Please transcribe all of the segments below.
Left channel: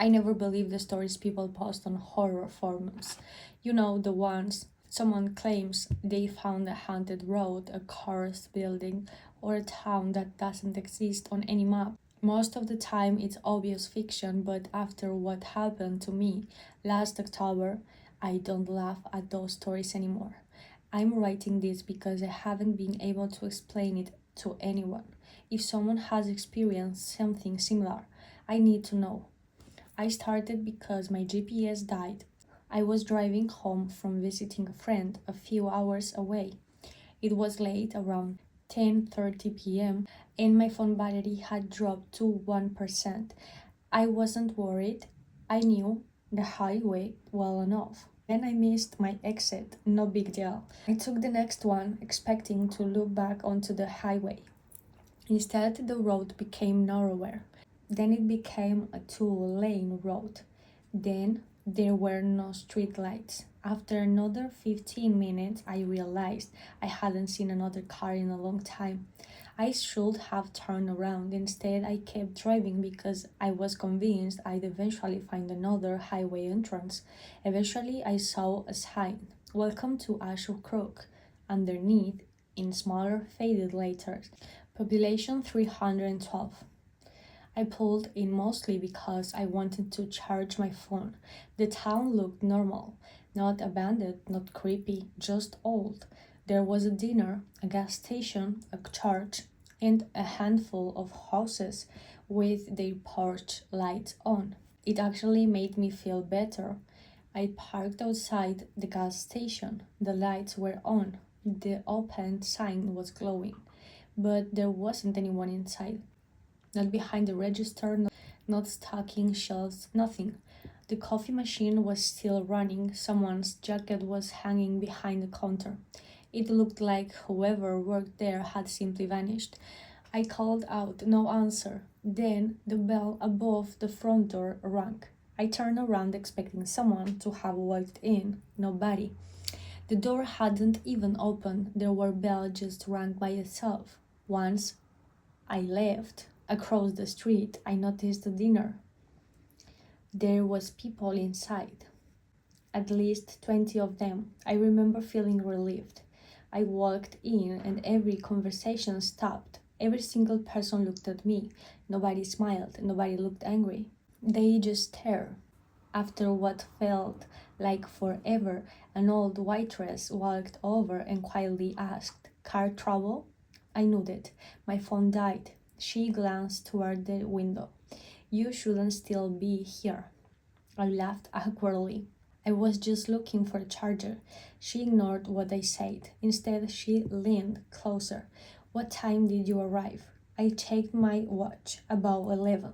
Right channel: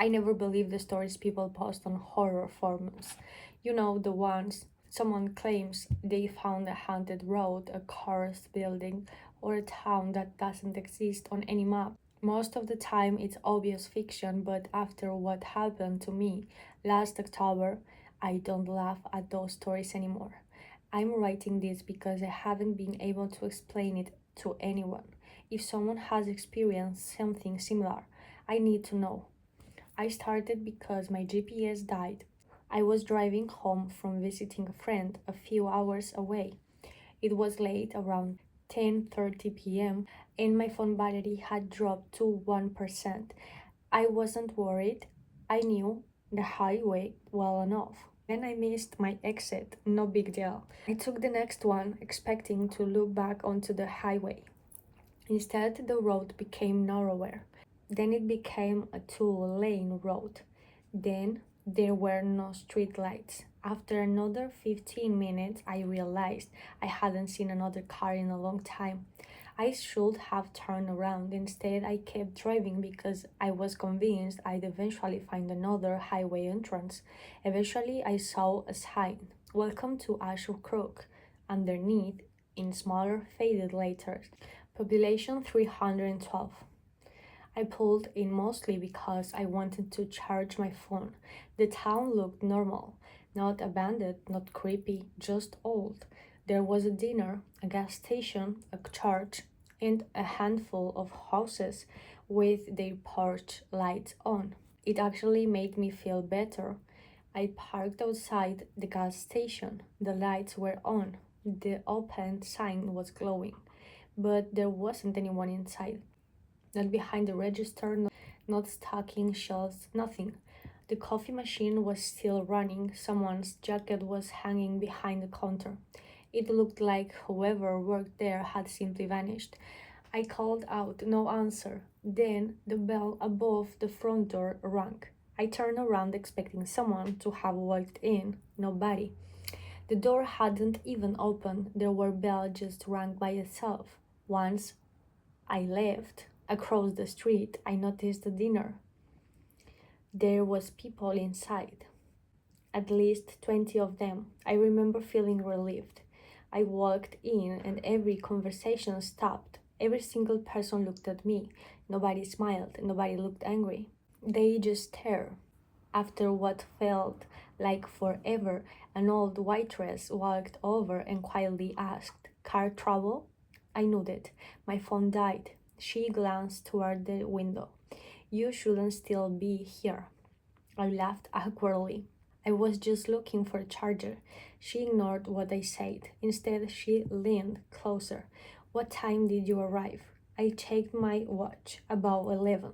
I never believe the stories people post on horror forums. You know, the ones someone claims they found a haunted road, a cursed building, or a town that doesn't exist on any map. Most of the time, it's obvious fiction, but after what happened to me last October, I don't laugh at those stories anymore. I'm writing this because I haven't been able to explain it to anyone. If someone has experienced something similar, I need to know. I started because my GPS died. I was driving home from visiting a friend a few hours away. It was late, around 10:30 p.m., and my phone battery had dropped to 1%. I wasn't worried. I knew the highway well enough. Then I missed my exit, no big deal. I took the next one, expecting to loop back onto the highway. Instead, the road became narrower. Then it became a two-lane road. Then there were no street lights. After another 15 minutes, I realized I hadn't seen another car in a long time. I should have turned around. Instead, I kept driving because I was convinced I'd eventually find another highway entrance. Eventually, I saw a sign, "Welcome to Ashur Crook," underneath, in smaller, faded letters, population 312. I pulled in mostly because I wanted to charge my phone. The town looked normal, not abandoned, not creepy, just old. There was a dinner, a gas station, a church, and a handful of houses with their porch lights on. It actually made me feel better. I parked outside the gas station. The lights were on. The open sign was glowing, but there wasn't anyone inside. Not behind the register, not stocking shelves, nothing. The coffee machine was still running. Someone's jacket was hanging behind the counter. It looked like whoever worked there had simply vanished. I called out, no answer. Then the bell above the front door rang. I turned around expecting someone to have walked in. Nobody. The door hadn't even opened. The bell just rang by itself. Once I left across the street, I noticed the dinner. There was people inside, at least 20 of them. I remember feeling relieved. I walked in and every conversation stopped. Every single person looked at me. Nobody smiled, nobody looked angry. They just stared. After what felt like forever, an old waitress walked over and quietly asked, "Car trouble?" I nodded. My phone died. She glanced toward the window. "You shouldn't still be here." I laughed awkwardly. "I was just looking for a charger." She ignored what I said. Instead, she leaned closer. "What time did you arrive?" I checked my watch. "About 11.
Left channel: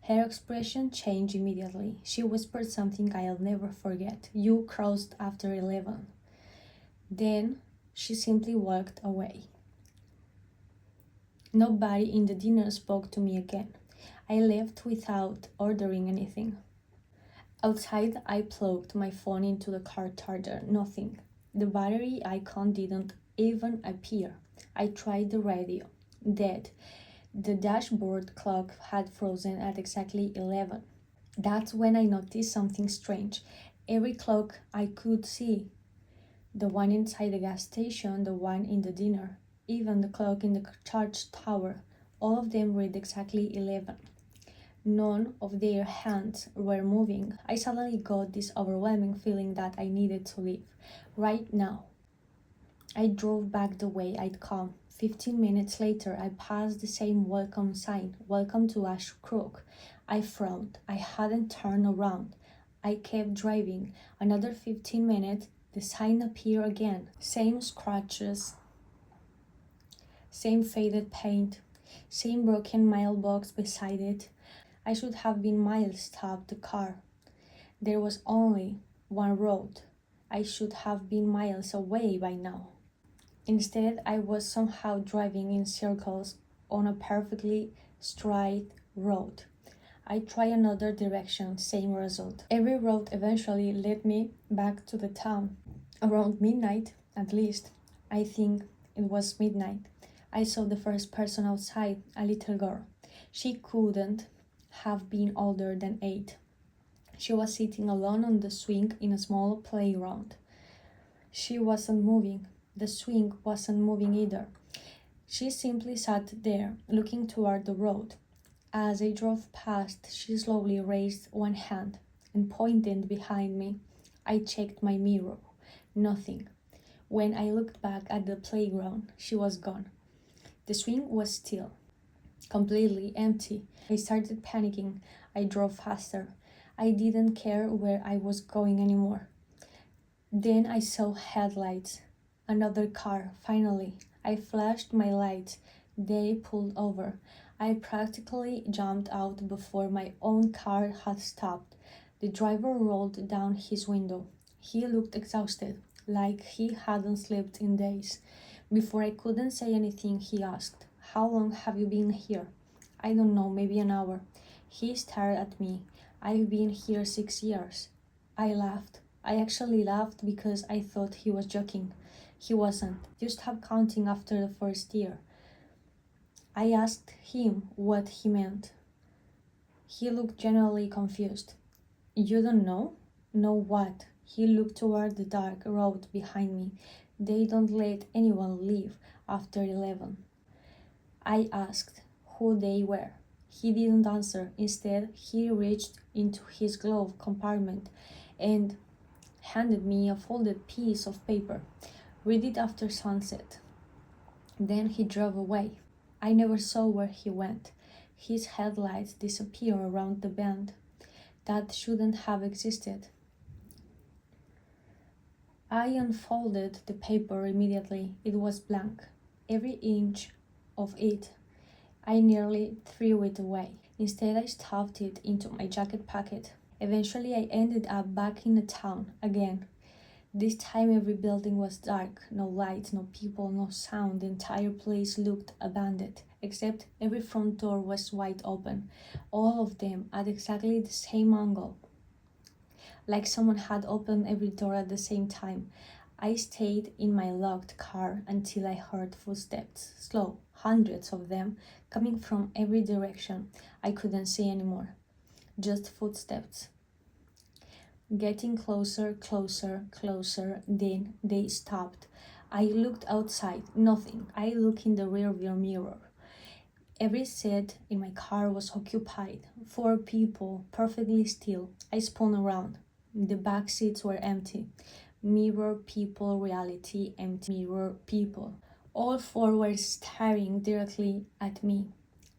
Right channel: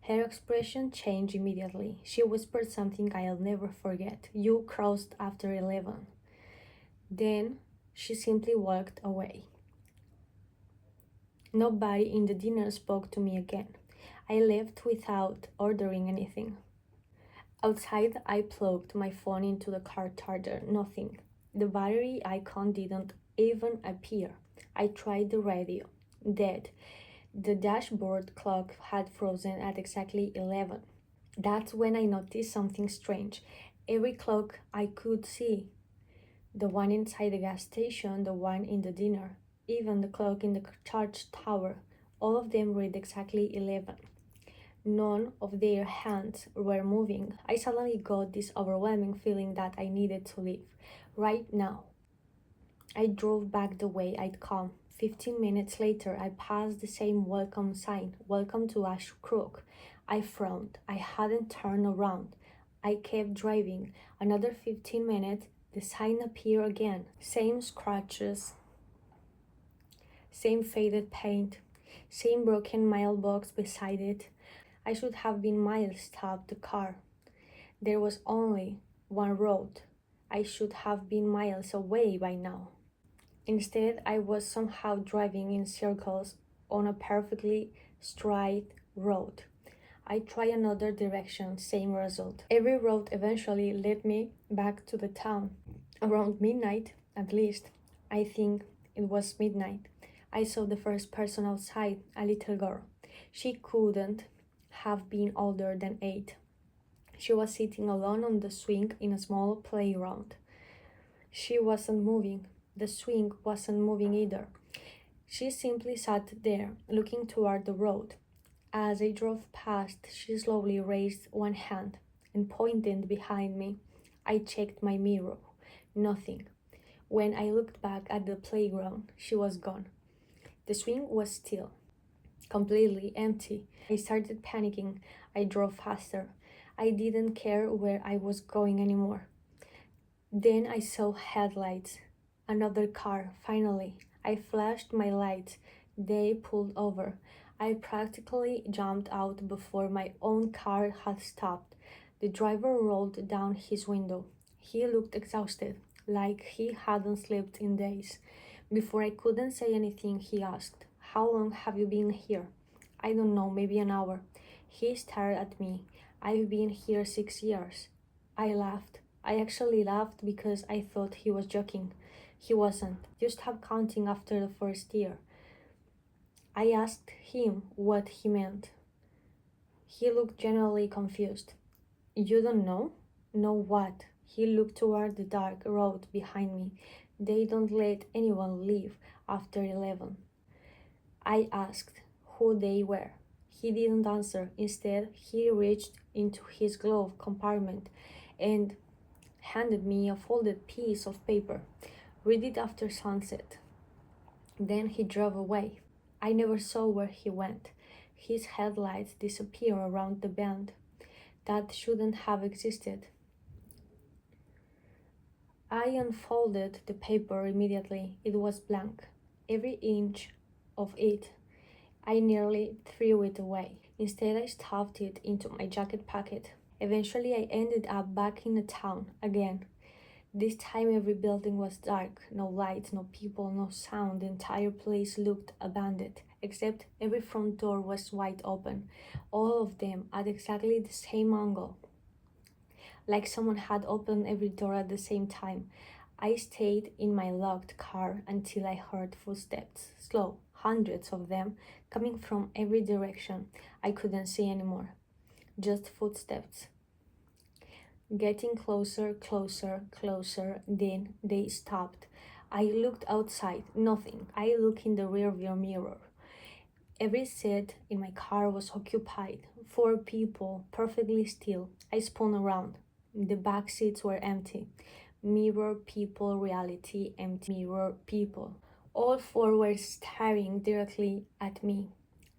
Her expression changed immediately. She whispered something I'll never forget. "You crossed after 11. Then she simply walked away. Nobody in the dinner spoke to me again. I left without ordering anything. Outside, I plugged my phone into the car charger. Nothing. The battery icon didn't even appear. I tried the radio. Dead. The dashboard clock had frozen at exactly 11. That's when I noticed something strange. Every clock I could see, the one inside the gas station, the one in the dinner, even the clock in the church tower, all of them read exactly 11. None of their hands were moving. I suddenly got this overwhelming feeling that I needed to leave. Right now. I drove back the way I'd come. 15 minutes later, I passed the same welcome sign, "Welcome to Ash Crook." I frowned. I hadn't turned around. I kept driving. Another 15 minutes, the sign appeared again. Same scratches, same faded paint, same broken mailbox beside it. I should have been miles stopped the car. There was only one road. I should have been miles away by now. Instead, I was somehow driving in circles on a perfectly straight road. I tried another direction, same result. Every road eventually led me back to the town. Around midnight, at least, I think it was midnight, I saw the first person outside, a little girl. She couldn't have been older than 8. She was sitting alone on the swing in a small playground. She wasn't moving. The swing wasn't moving either. She simply sat there, looking toward the road. As I drove past, she slowly raised one hand and pointed behind me. I checked my mirror. Nothing. When I looked back at the playground, she was gone. The swing was still, completely empty. I started panicking. I drove faster. I didn't care where I was going anymore. Then I saw headlights. Another car, finally. I flashed my lights. They pulled over. I practically jumped out before my own car had stopped. The driver rolled down his window. He looked exhausted, like he hadn't slept in days. Before I couldn't say anything, he asked, "How long have you been here?" "I don't know, maybe an hour." He stared at me. "I've been here 6 years." I laughed. I actually laughed because I thought he was joking. He wasn't. You stop counting after the first year. I asked him what he meant. He looked genuinely confused. "You don't know?" "Know what?" He looked toward the dark road behind me. "They don't let anyone leave after 11. I asked who they were. He didn't answer. Instead, he reached into his glove compartment and handed me a folded piece of paper. "Read it after sunset." Then he drove away. I never saw where he went. His headlights disappeared around the bend. That shouldn't have existed. I unfolded the paper immediately. It was blank. Every inch of it. I nearly threw it away. Instead, I stuffed it into my jacket pocket. Eventually, I ended up back in the town again. This time every building was dark, no lights, no people, no sound. The entire place looked abandoned, except every front door was wide open, all of them at exactly the same angle, like someone had opened every door at the same time. I stayed in my locked car until I heard footsteps, slow, hundreds of them, coming from every direction. I couldn't see anymore, just footsteps. Getting closer, closer, closer, then they stopped. I looked outside, nothing. I looked in the rearview mirror. Every seat in my car was occupied. 4 people, perfectly still. I spun around. The back seats were empty. Mirror people, reality, empty. Mirror people. All 4 were staring directly at me.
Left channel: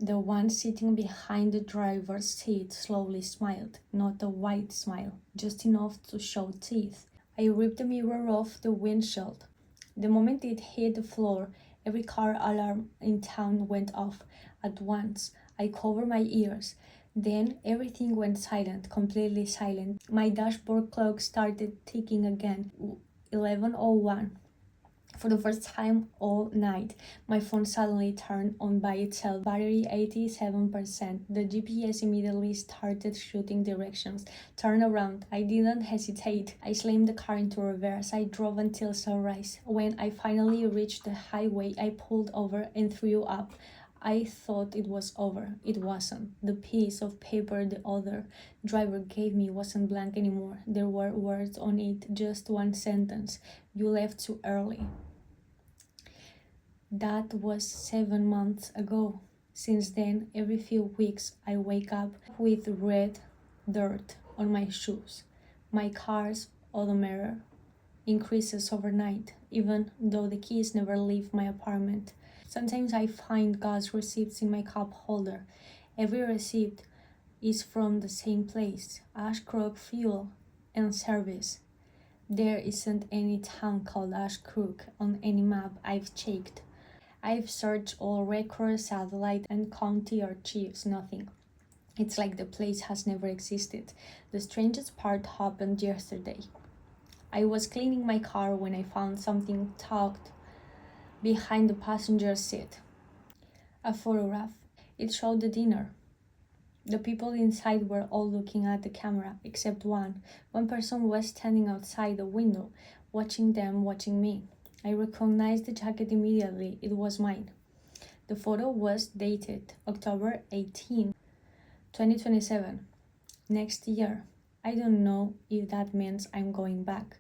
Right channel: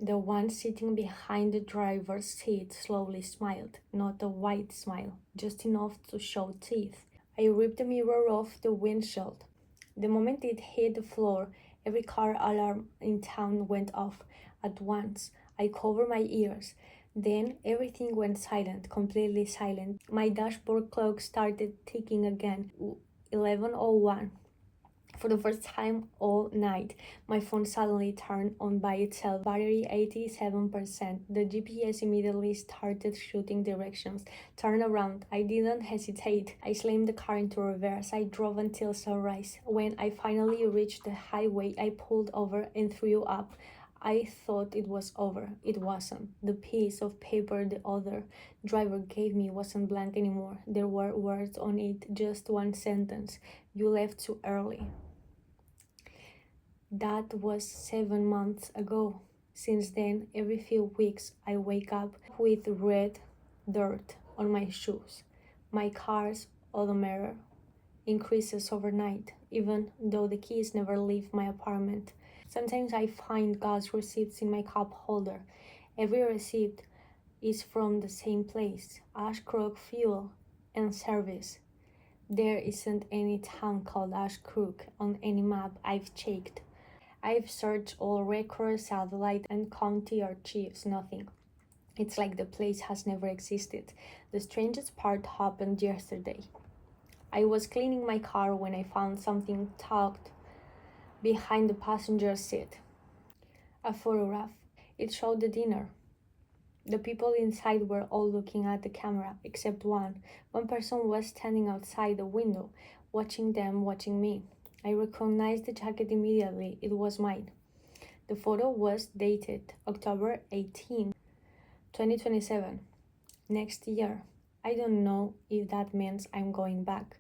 The one sitting behind the driver's seat slowly smiled, not a wide smile, just enough to show teeth. I ripped the mirror off the windshield. The moment it hit the floor, every car alarm in town went off at once. I covered my ears. Then everything went silent, completely silent. My dashboard clock started ticking again. 11:01. For the first time all night, my phone suddenly turned on by itself. Battery 87%. The GPS immediately started shooting directions. Turn around. I didn't hesitate. I slammed the car into reverse. I drove until sunrise. When I finally reached the highway, I pulled over and threw up. I thought it was over. It wasn't. The piece of paper the other driver gave me wasn't blank anymore. There were words on it, just one sentence. "You left too early." That was 7 months ago. Since then, every few weeks, I wake up with red dirt on my shoes. My car's odometer increases overnight, even though the keys never leave my apartment. Sometimes I find gas receipts in my cup holder. Every receipt is from the same place: Ashcroft Fuel and Service. There isn't any town called Ashcroft on any map I've checked. I've searched all records, satellite, and county archives, nothing. It's like the place has never existed. The strangest part happened yesterday. I was cleaning my car when I found something tucked behind the passenger seat. A photograph. It showed the dinner. The people inside were all looking at the camera, except one. One person was standing outside the window, watching them, watching me. I recognized the jacket immediately. It was mine. The photo was dated October 18, 2027. Next year. I don't know if that means I'm going back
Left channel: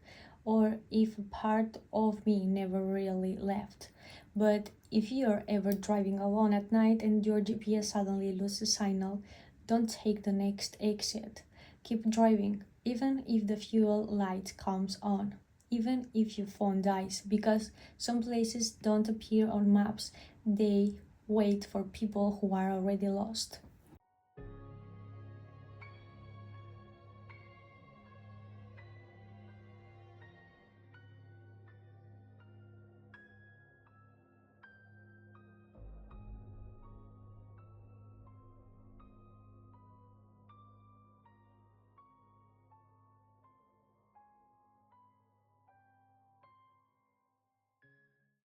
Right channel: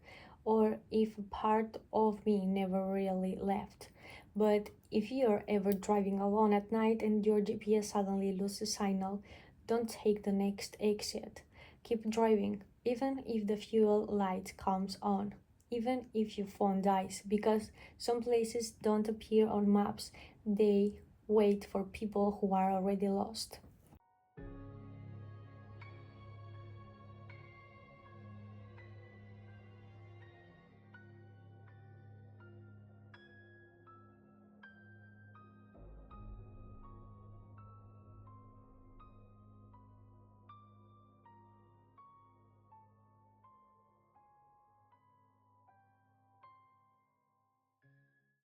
or if part of me never really left. But if you're ever driving alone at night and your GPS suddenly loses signal, don't take the next exit. Keep driving, even if the fuel light comes on, even if your phone dies, because some places don't appear on maps, they wait for people who are already lost.